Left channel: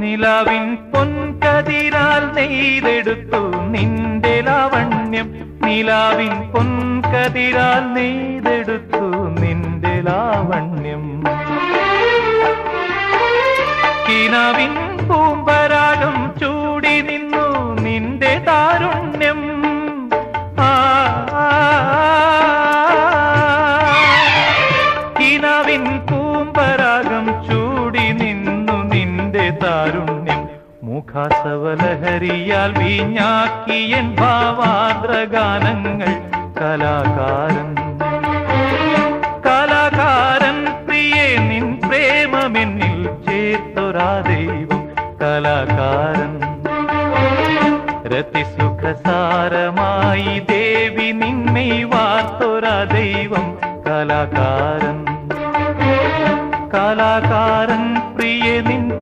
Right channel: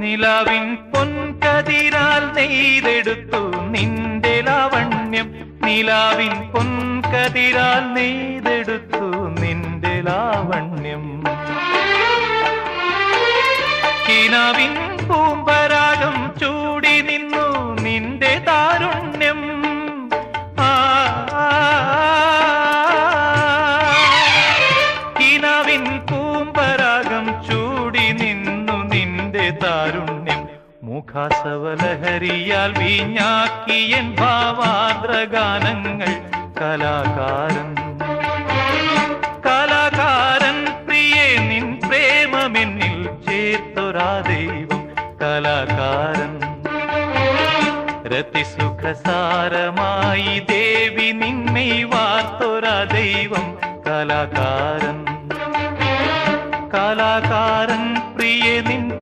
നിലാവിൻ പൊൻകതിരാൽ നെയ്തെടുത്തു നിന്റെ ലാവണ്യം. നിലാവിൻ പൊൻകതിരാൽ നെയ്തെടുത്തു നിന്റെ ലാവണ്യം. കിനാവിൻ പൂമ്പരാഗം ചൂടി നിന്നു നിന്റെ താരുണ്യം. കിനാവിൻ പൂമ്പരാഗം ചൂടി നിന്നു നിന്റെ താരുണ്യം. മുഖാസവലഹരിയാൽ വീഞ്ഞാക്കിയൻ ഭാവാദ്രഗാനങ്ങൾ. കലാകാരൻ കലാകാരൻ പ്രിയേ നിൻ പ്രേമമെന്നിൽ ചേർത്തൊരാ ദൈവം. കലാകാരൻ രതിസുഖസാരമായി ദേവി നിന്നെ വാർത്തൊരാ ദൈവം. കലാകാരൻ കലാകാരൻ